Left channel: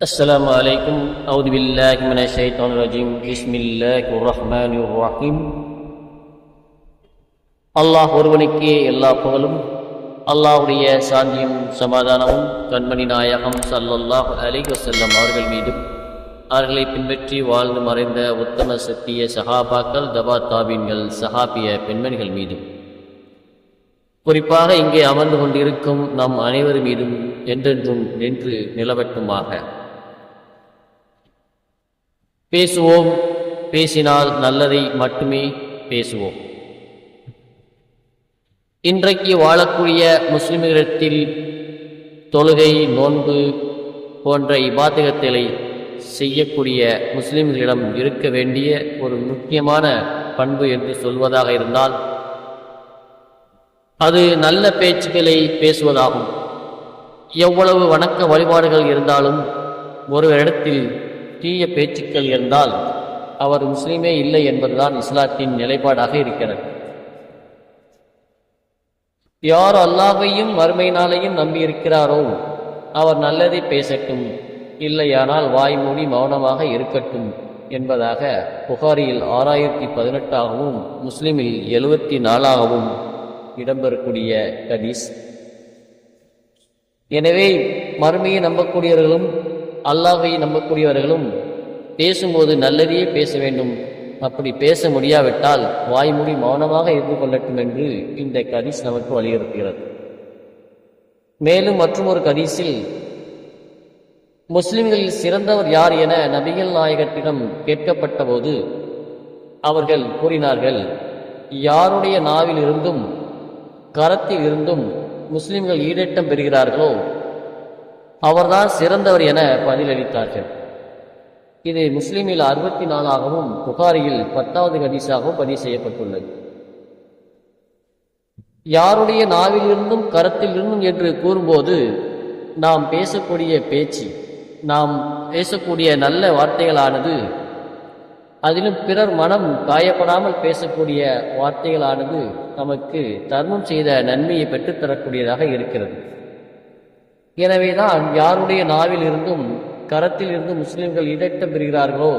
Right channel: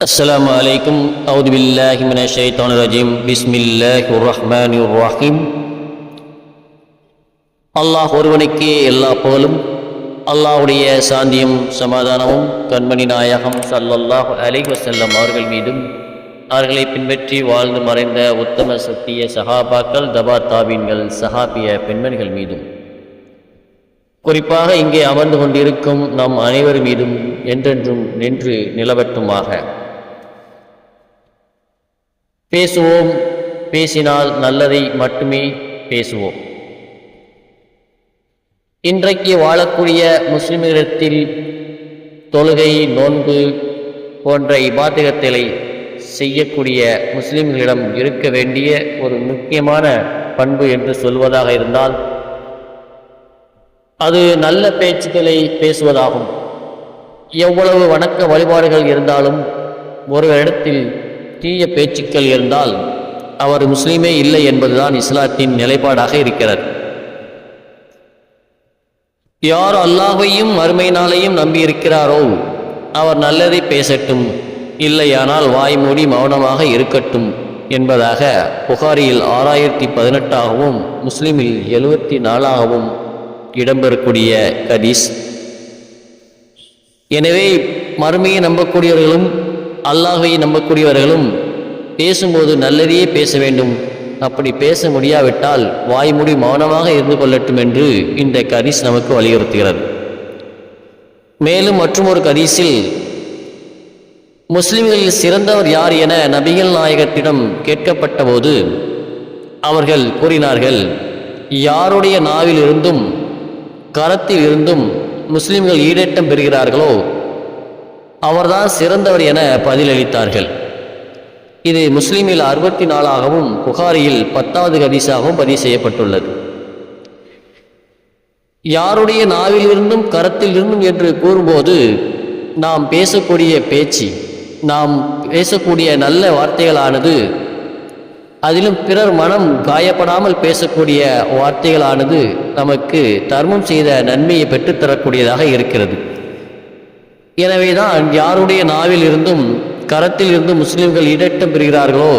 السلام عليكم أعوذ بالله من الشيطان الرجيم بسم الله الرحمن الرحيم அல்லாஹ் ஒருவனுக்கே எல்லா புகழும் அல்லாஹ்வுடைய சாந்தியும் சமாதானமும் கண்மணி நாயகம் ஸல்லல்லாஹு அலைஹி வஸல்லம் அவர்கள் மீதும் அவர்களை பின்பற்றி வாழ்ந்து மறைந்த உத்தம சத்திய சஹாபாக்கள் தபா தாபீன்கள் சஹாபிய பெண்மணிகள் மீதும் குறிப்பாக இங்கே அமர்ந்து கொண்டிருக்கும் நம் அனைவர் மீதும் என்றென்றும் நின்று நிலவட்டுமாக பேசுவோம் பேசினால் நல்லதை மட்டுமே பேசுவோம். இன்றைக்கு வாழக்கூடிய முஸ்லிம்களிடத்தில் தொழுகை நோன்பு போன்ற இபாதகங்களை செய்யக்கூடிய முஸ்லிம்களிடம் இருக்க வேண்டிய ஒரு முக்கியமான பண்பு என்று சொல்வதாக இருந்தால் அது நல்ல பேச்சுக்களை பேசுவதாகும். எவ்வளவு வணக்க வழிபாடுகள் இருந்தாலும் ஒரு இடத்தில் தீய பேச்சுக்கள் இருந்தால் அவர் முஸ்லீமே இல்லை என்பதுதான் இஸ்லாத்தின் நிலைப்பாடாக இருக்கிறது. யார் அல்லாஹையும் மறுமை நாளையும் நம்பியிருக்கிறாரோ அவர் நல்லதை பேசட்டும் இல்லையானால் வாய்மூடி மௌனமாக இருக்கட்டும் என்பதாக புகாரியில் ஆறாயிரத்தி பதினெட்டாகவும் முஸ்லிமில் எழுபத்தி நாலாகவும் இடம்பெறக்கூடிய கதீஸ் எனவே மறுமையை நம்பக்கூடியவர்களும் அல்லாஹையை நம்பக்கூடியவர்களும் பேசும்போது நல்லதையே பேச வேண்டும். அப்படி பேச முடியாவிட்டால் வாய்மூடி மௌனமாக இருந்து கொள்ளட்டும் என்று இந்த கரீஸ் நமக்கு வலியுறுத்துகிறது. மேலும் மற்றொரு கரீஸில் முஸ்லிம்களில் சிறந்தவர் யார் என நபிகள் நாயகத்திடம் கேட்கப்பட்ட போது அவர்கள் கூறினார்கள் யாருடைய நாவில் இருந்தும் கரத்தில் இருந்தும் முஸ்லிம்கள் ஈடேட்டம் பெறுகிறார்களோ அவர்தான் சிறந்தவர் என பதிலளித்தார்கள். இது முஸ்லீமில் அறுபத்தி நாலாகவும் புகாரியில் பத்தாவது கதீஸாகவும் பதிவு செய்யப்பட்டுள்ளது. யாருடைய நாவிலிருந்தும் கரத்திலிருந்தும் என்று கூறும்போது நாம் பேசக்கூடிய பேச்சு நாம் பேசக்கூடிய நல்ல வார்த்தைகளானது அதிலும் பிறர் மனம் காயப்படாமல் பேசக்கூடிய வார்த்தைகளானது நமக்கு தர்மம் செய்த நன்மையை பெற்றுத்தரக்கூடியதாக இருக்கிறது. எனவேதான் யாருடைய நாவில் இருந்தும் கரத்தில் இருந்து முஸ்லிம்கள் இடட்டம் பெறுகிறார்களோ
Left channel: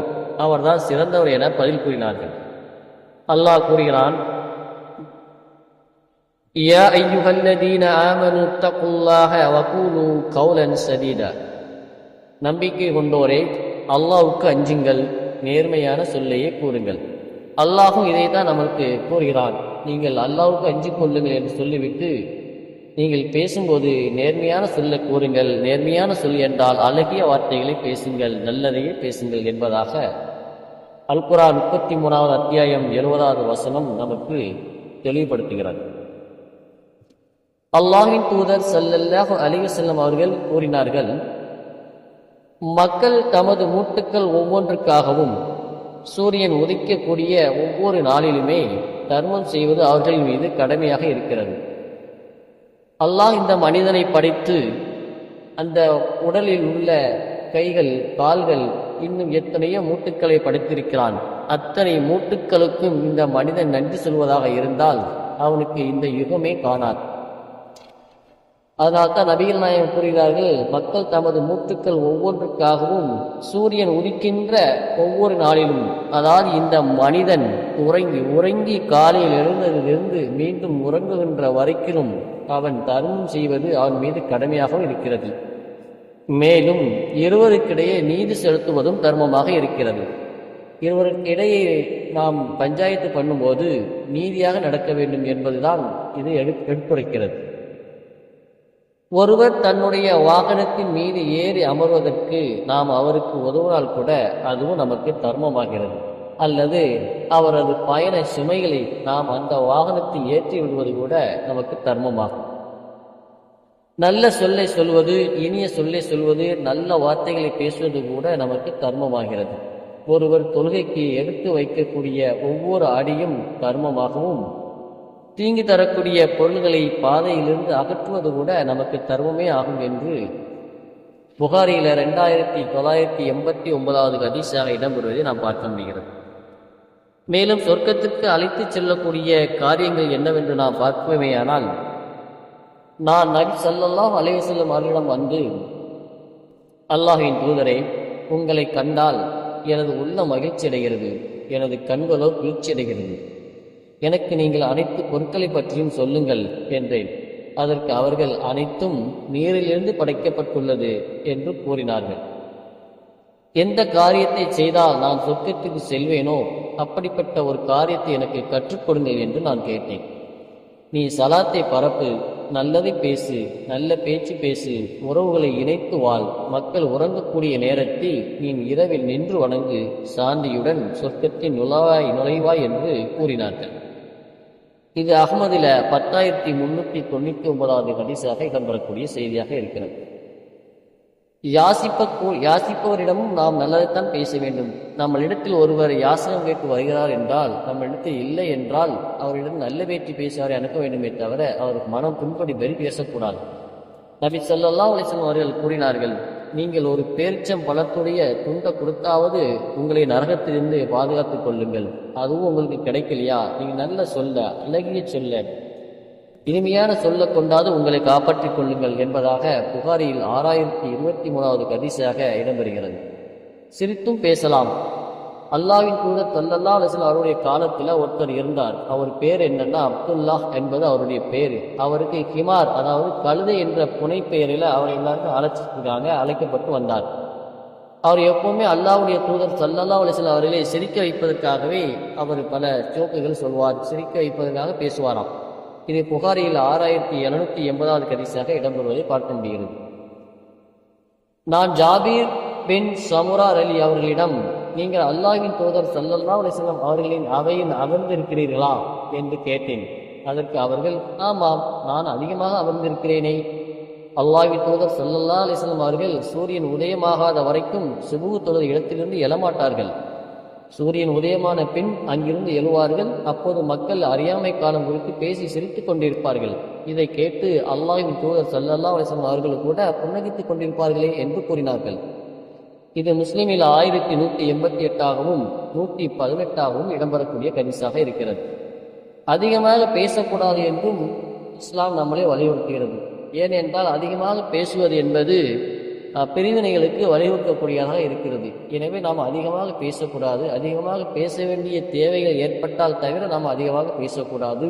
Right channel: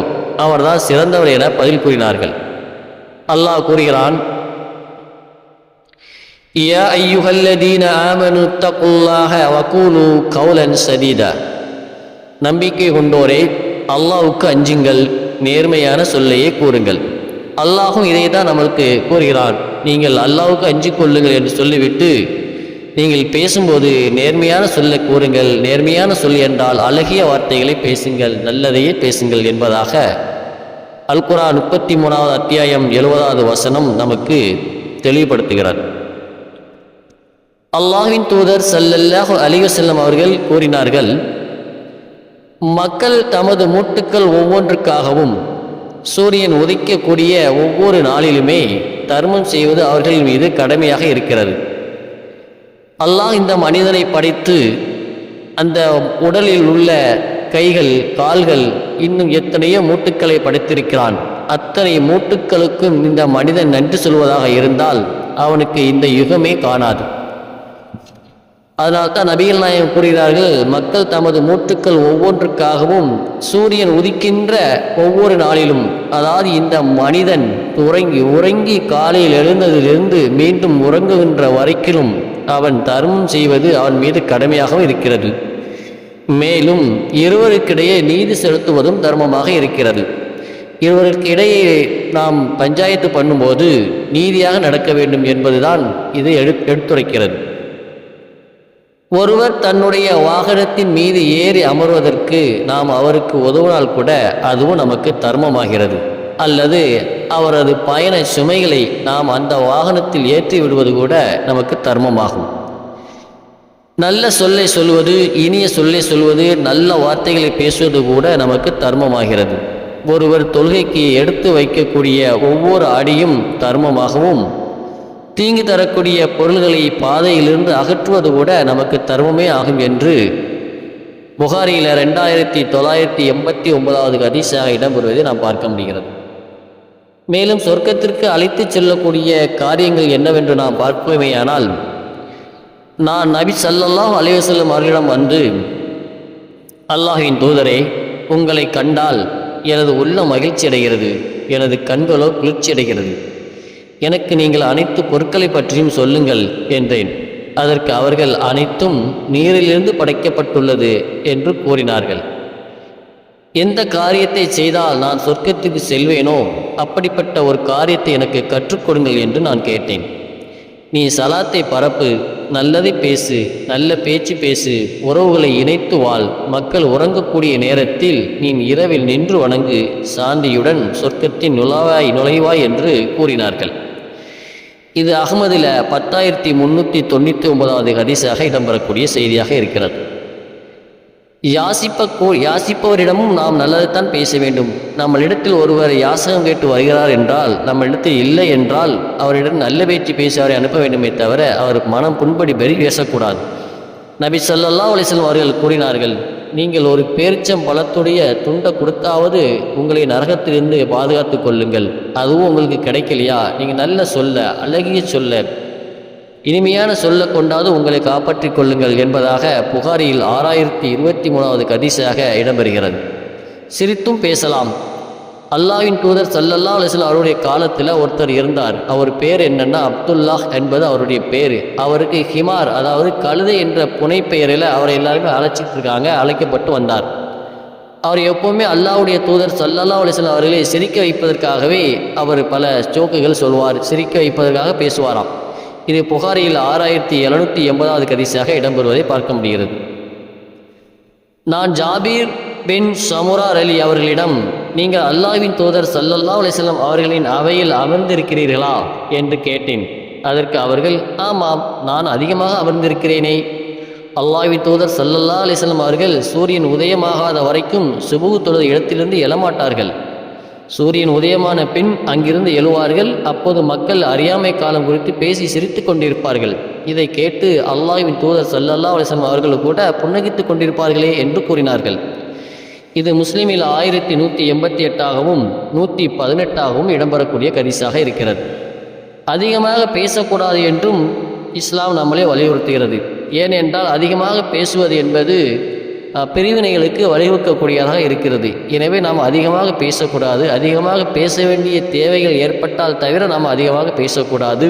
அவர்தான் சிறந்தவர் என பதில் கூறினார்கள் அல்லாஹ் கூறுகிறான் يا أيها الذين آمنوا اتقوا الله وقولوا قولا سديدا நம்பிக்கை கொண்டோரே அல்லாஹ்வுக்கு அஞ்சுங்கள் நேர்மையான சொல்லையே கூறுங்கள் அல்லாஹும் இதை தான் நமக்கு கூறுகிறான் நீங்கள் அல்லாஹ்வுக்கு அஞ்சிக் கொள்ளுங்கள் என்று சொல்லிவிட்டு நீங்கள் பேசும்போது நேர்மையான சொல்லை கூறுங்கள் நேர்மையான சொல் என்றால் அழகிய வார்த்தைகளை பேசுங்கள் நல்லதையே பேசுங்கள் என்பதாக அல்குரா முப்பத்தி மூணாவது அத்தியாயம் எழுபதாவது வசனம் நமக்கு தெளிவுபடுத்துகிறார். அல்லாஹின் தூதர் சல்லல்லாஹு அலிவசல்லம் அவர்கள் கூறினார்கள் மக்கள் தமது மூட்டுக்கள் ஒவ்வொன்றுக்காகவும் சூரியன் உதிக்கக்கூடிய ஒவ்வொரு நாளிலுமே தர்மம் செய்வது அவர்களின் மீது கடமையாக இருக்கிறது. அல்லாஹ் இந்த மனிதனை படைத்து அந்த உடலில் உள்ள கைகள் கால்கள் இன்னும் எத்தனையோ மூட்டுக்களை படைத்திருக்கிறான். அத்தனை மூட்டுக்களுக்கும் இந்த மனிதன் நன்றி சொல்வதாக இருந்தால் அவனுக்கு இந்த யுகமே காணாது. அதனால்தான் நபிகள் நாயகம் கூறுகிறார்கள் மக்கள் தமது மூட்டுக்கள் ஒவ்வொன்றுக்காகவும் சூரியன் உதிக்கின்ற ஒவ்வொரு நாளிலும் அதாவது இந்த மனிதன் உறங்கி உறங்கி காலையில் எழுந்ததிலிருந்து மீண்டும் உறங்குகின்ற வரைக்கிலும் அவன் தர்மம் செய்வது அவன் மீது கடமையாகவும் இருக்கிறது. மேலும் இருவருக்கிடையே நீதி செலுத்துவதும் தர்மமாக இருக்கிறது. இருவருக்கு இடையே நாம் பஞ்சாயத்து பண்ணும்போது நீதியாக நடக்க வேண்டும் என்பதுதான் இது எடு எடுத்துரைக்கிறது. ஒருவர் தன்னுடைய வாகனத்தின் மீது ஏறி அமர்வதற்கு நாம் அவருக்கு உதவினால் கூட அதுவும் நமக்கு தர்மமாகிறது. அல்லது அவரது பயண சுமைகளை நாம் அந்த வாகனத்தில் ஏற்றி விடுவது கூட நமக்கு தர்மமாகும். நல்ல சொல்லை சொல்வது இனிய சொல்லை சொல்வது நல்ல வார்த்தைகளை பேசுவது கூட நமக்கு தர்மமாகிறது. ஒருவர் தொழுகைக்கு எடுத்து வைக்கக்கூடிய ஒவ்வொரு அடியும் தர்மமாகவும் தீங்கு தரக்கூடிய பொருள்களை பாதையிலிருந்து அகற்றுவது கூட நமக்கு தர்மமே ஆகும் என்று புகாரியில் ரெண்டாயிரத்தி தொள்ளாயிரத்தி எண்பத்தி ஒன்பதாவது ஹதீஸாக இடம்பெறுவதை நாம் பார்க்க முடிகிறது. மேலும் சொர்க்கத்திற்கு அழைத்துச் செல்லக்கூடிய காரியங்கள் என்னவென்று நாம் பார்ப்போமேயானால் நான் நபி செல்லலாம் அலைஹி வஸல்லம் அவர்களிடம் வந்து அல்லாஹின் தூதரே உங்களை கண்டால் எனது உள்ள மகிழ்ச்சி அடைகிறது எனது கண்களோ குளிர்ச்சி அடைகிறது எனக்கு நீங்கள் அனைத்து பொருட்களை பற்றியும் சொல்லுங்கள் என்றேன். அதற்கு அவர்கள் அனைத்தும் நீரிலிருந்து படைக்கப்பட்டுள்ளது என்று கூறினார்கள். எந்த காரியத்தை செய்தால் நான் சொர்க்கத்துக்கு செல்வேனோ? அப்படிப்பட்ட ஒரு காரியத்தை எனக்கு கற்றுக்கொடுங்கள் என்று நான் கேட்டேன். நீ சலாத்தை பரப்பு நல்லதை பேசு நல்ல பேச்சு பேசு உறவுகளை இணைத்து வாழ் மக்கள் உறங்கக்கூடிய நேரத்தில் நீ இரவில் நின்று வணங்கு சாந்தியுடன் சொர்க்கத்தின் நுழாவாய் நுழைவாய் என்று கூறினார்கள். இது அகமதில் பத்தாயிரத்தி முன்னூற்றி தொண்ணூற்றி ஒன்பதாவது ஹதீஸாக இடம்பெறக்கூடிய செய்தியாக இருக்கிறது. யாசிப்ப யாசிப்பவரிடமும் நாம் நல்லதைத்தான் பேச வேண்டும். நம்மளிடத்தில் ஒருவர் யாசகம் கேட்டு வருகிறார் என்றால் நம்மளிடத்தில் இல்லை என்றால் அவரிடம் நல்ல பேச்சு பேசி அவரை அனுப்ப வேண்டுமே தவிர அவருக்கு மனம் புண்படி பெரி பேசக்கூடாது. நபி சொல்லல்லா அலைஹி அவர்கள் கூறினார்கள் நீங்கள் ஒரு பேரிச்சம் பழத்துடைய துண்டை கொடுத்தாவது உங்களை நரகத்திலிருந்து பாதுகாத்து கொள்ளுங்கள். அதுவும் உங்களுக்கு கிடைக்கலையா? நீங்கள் நல்ல சொல்ல அழகிய சொல்ல இனிமையான சொல்ல கொண்டாது உங்களை காப்பாற்றி கொள்ளுங்கள் என்பதாக புகாரியில் ஆறாயிரத்தி இருபத்தி மூணாவது கதிசாக இடம்பெறுகிறது. சிரித்தும் பேசலாம். அல்லாவின் தூதர் சல்லல்லா அலிஸ்லாம் அவருடைய காலத்தில் ஒருத்தர் இருந்தார். அவர் பேர் என்னன்னா அப்துல்லாஹ் என்பது அவருடைய பேர். அவருக்கு ஹிமார் அதாவது கழுதை என்ற புனை பெயரில் அவரை எல்லாருமே அழைச்சிட்டு இருக்காங்க அழைக்கப்பட்டு வந்தார். அவர் எப்போவுமே அல்லாஹ்வுடைய தூதர் சல்லல்லா அலிஸ்லாம் அவர்களை சிரிக்க வைப்பதற்காகவே அவர் பல ஸ்டோக்குகள் சொல்வார் சிரிக்க வைப்பதற்காக பேசுவாராம். இது புகாரியில் ஆறாயிரத்தி எழுநூற்றி எண்பதாவது கதிசாக இடம்பெறுவதை பார்க்க முடிகிறது. நான் ஜாபீர் பின் சமுரார் அலி அவர்களிடம் நீங்கள் அல்லாஹ்வின் தூதர் சல்லல்லா அலிஸ்லாம் அவர்களின் அவையில் அமர்ந்திருக்கிறீர்களா? என்று கேட்டேன். அதற்கு அவர்கள் ஆமாம் நான் அதிகமாக அமர்ந்திருக்கிறேனே. அல்லாஹ்வின் தூதர் சல்லல்லா அலிஸ்லாம் அவர்கள் சூரியன் உதயமாகாத வரைக்கும் சுபுகு தொழுத இடத்திலிருந்து எழமாட்டார்கள். சூரியன் உதயமான பின் அங்கிருந்து எழுவார்கள். அப்போது மக்கள் அறியாமை காலம் குறித்து பேசி சிரித்து கொண்டிருப்பார்கள். இதை கேட்டு அல்லாஹ்வின் தூதர் சல்லல்லா அலிஸ்லாம் அவர்கள் கூட புன்னகித்து கொண்டிருப்பார்களே என்று கூறினார்கள். இது முஸ்லிமில் ஆயிரத்தி நூற்றி எண்பத்தி எட்டாகவும் நூற்றி பதினெட்டாகவும் இடம்பெறக்கூடிய கரிசாக இருக்கிறது. அதிகமாக பேசக்கூடாது என்றும் இஸ்லாம் நம்மளே வலியுறுத்துகிறது. ஏனென்றால் அதிகமாக பேசுவது என்பது பிரிவினைகளுக்கு வழிவகுக்கக்கூடியதாக இருக்கிறது. எனவே நாம் அதிகமாக பேசக்கூடாது. அதிகமாக பேச வேண்டிய தேவைகள் ஏற்பட்டால் தவிர நாம் அதிகமாக பேசக்கூடாது.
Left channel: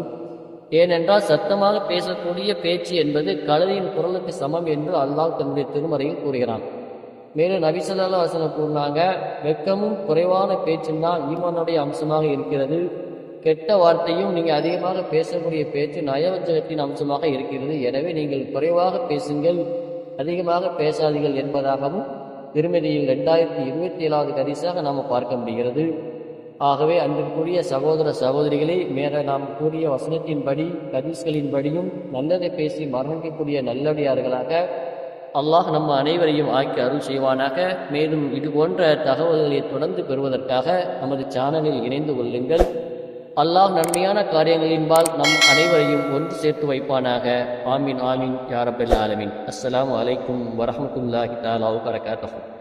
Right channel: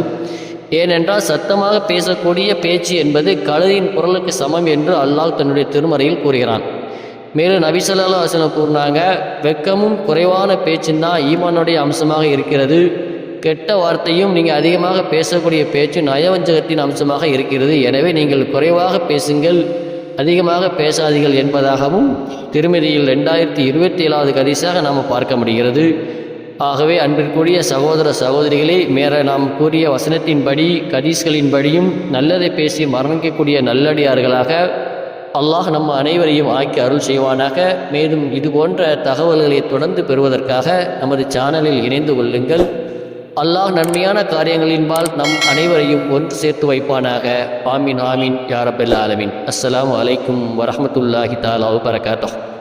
ஏனென்றால் சத்தமாக பேசக்கூடிய பேச்சு என்பது கழுதியின் குரலுக்கு சமம் என்று அல்லாஹ் தன்னுடைய திருமறையில் கூறுகிறான். மேலும் நபிசல்லா வசனம் கூறினாங்க வெக்கமும் குறைவான பேச்சுன்னா ஈமானுடைய அம்சமாக இருக்கிறது. கெட்ட வார்த்தையும் நீங்கள் அதிகமாக பேசக்கூடிய பேச்சு நயவஞ்சகத்தின் அம்சமாக இருக்கிறது. எனவே நீங்கள் குறைவாக பேசுங்கள் அதிகமாக பேசாதீர்கள் என்பதாகவும் திருமதியில் ரெண்டாயிரத்தி இருபத்தி ஏழாவது கதிசாக நாம் பார்க்க முடிகிறது. ஆகவே அன்பிற்குரிய சகோதர சகோதரிகளே மேற நாம் கூறிய வசனத்தின்படி கதீஸ்களின்படியும் நல்லதை பேசி மரணிக்கக்கூடிய நல்லடியார்களாக அல்லாஹ் நம்ம அனைவரையும் ஆக்கி அருள் செய்வானாக. மேலும் இது போன்ற தகவல்களை தொடர்ந்து பெறுவதற்காக நமது சேனலில் இணைந்து கொள்ளுங்கள். அல்லாஹ் நன்மையான காரியங்களின்பால் நம் அனைவரையும் ஒன்று சேர்த்து வைப்பானாக. ஆமீன் ஆமீன் யாரபெல் ஆலமின். அஸ்லாம் அலைக்கும் வரமத்துல்லாஹி தாலா வரகாத்தஹ்